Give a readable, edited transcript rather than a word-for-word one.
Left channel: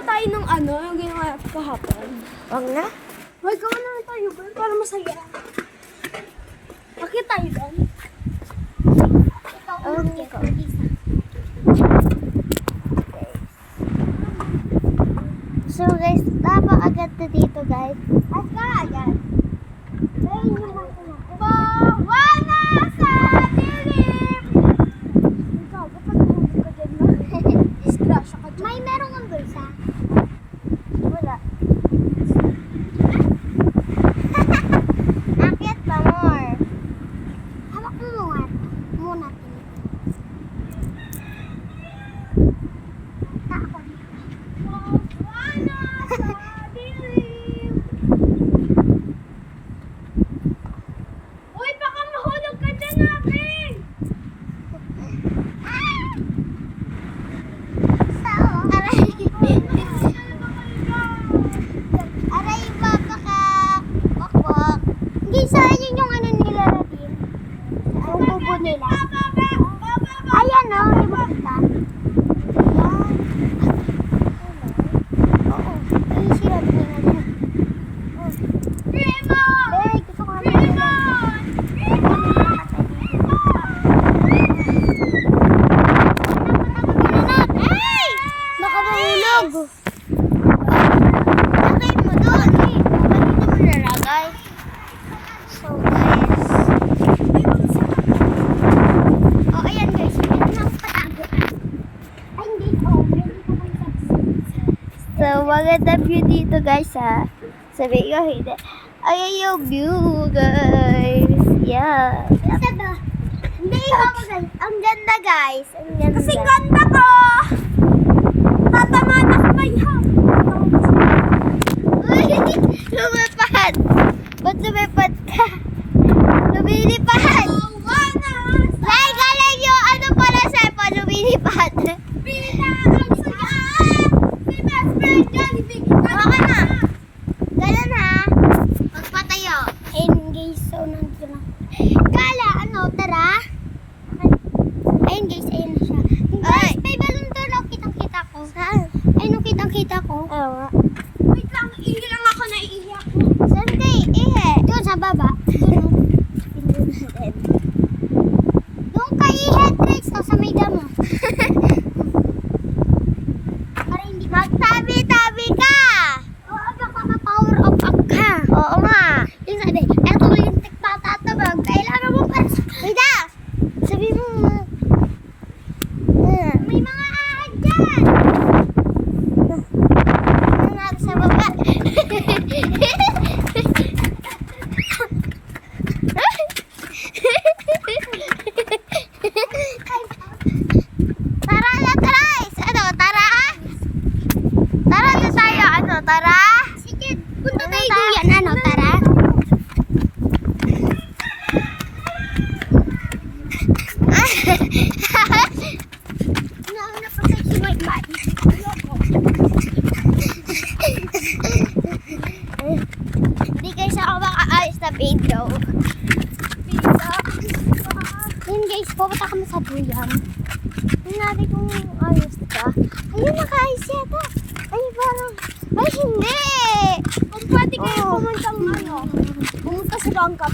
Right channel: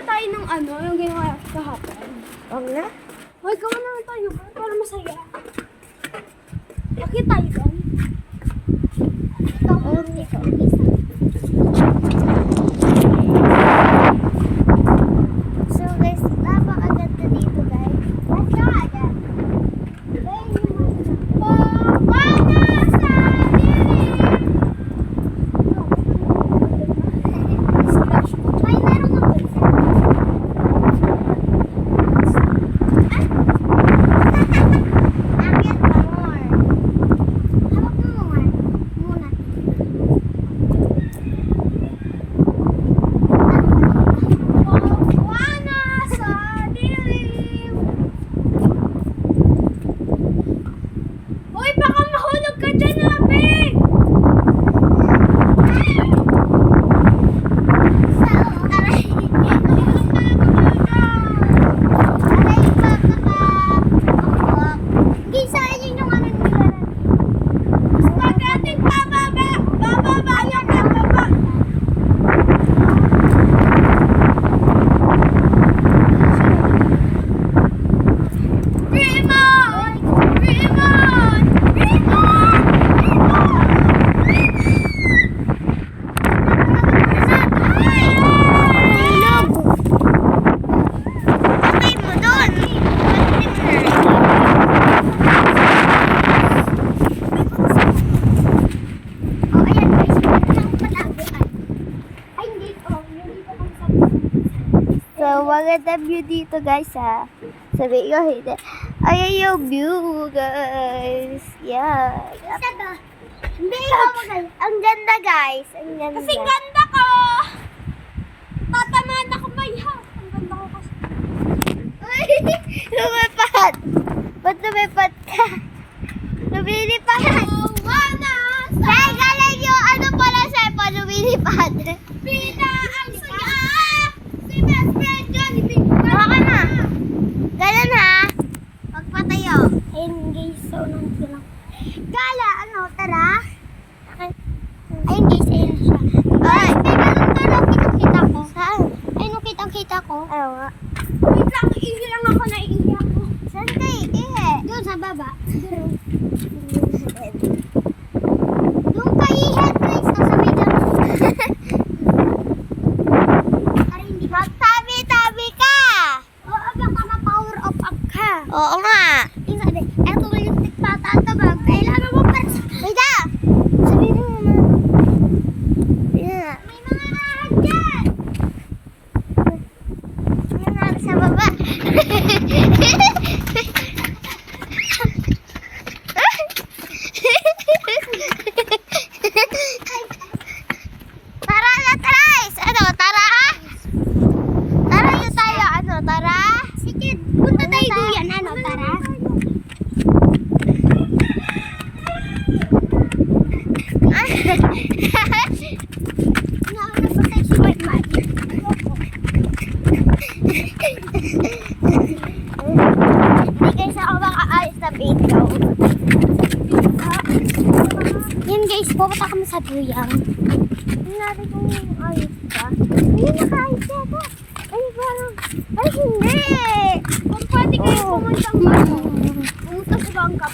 ba tayo ng ano, yung ginawa kahapon? Wag na. Hoy, gawa naman tayo ba? Para masaya. Bakit tayo doon? Ikaw. So guys, napakagat na dito guys. Ba't ka agad? Dahil yung makina. Bawana sa dilim! Scratch mo. May meron mo pulsa. Wala. Akyat pa more. Hawak mo muna. Bawana sa dilim! Hoy, baka mahulog ka dyan, Abi! Aray pa kakakakak. Hindi sa inyo yung ano nila natin. Ang upo nila. Ayan o. Raymond! Raymond! Raymond! Patay mo doon. Oh, ayan guys. Lang palaguan. Ay, hindi ko. Hindi ko kami So, maganda view dito guys ha. Sabi ko, hindi. Ayan yung view guys. Yeah. Hindi ko magaling. Ang ganda guys. Ang ganda. Kasi ganda ko! Tatamanak pa yan! Lumipad! Ba't lumipad ka? Lumilipad! Bawana sa Ay, galing yung ano pala sa lumilipad. pina ang saya! Si best friend Jollibee! Baka na. Ganun ha. Magpatayo. Engage so nandun ako. Kala, ano, tara? Ay, engage, ayun na siya. Ay, may balon doon, oh, kitang-kita ko. Saan? Ay, nung kitang-kita ko. Ayaw. Wait lang, ihi lang ako, naiiyak ko. Saan kayo? Doon sa baba. Doon kayo headlights na sa may damo. Magtabi-tabi ka! Oo, baka ma-power up ka. Oo nga. Yung sabi, eto na yung tikpata at tabag. Kailangan mo pa. Wait ah! Sabi mo na. Yeah. May mga ahad dyan. Ano nga sa baba? Tara na, guys! Ano, tara? Tara na tayo, ano, tara? Sige, punta tayo Tara. duyan. Ano, tara? Nauna pa tayo si White Man. Hindi guys ako makaayos na video. Yan guys, pupunta kami sa duyan. Tingnan natin kung ayos ka. Ayun, nakaayos yata. Ay, parang, ay hindi! Kung pwede kayo Oh. pumunta dito. Pumunta sa bangka.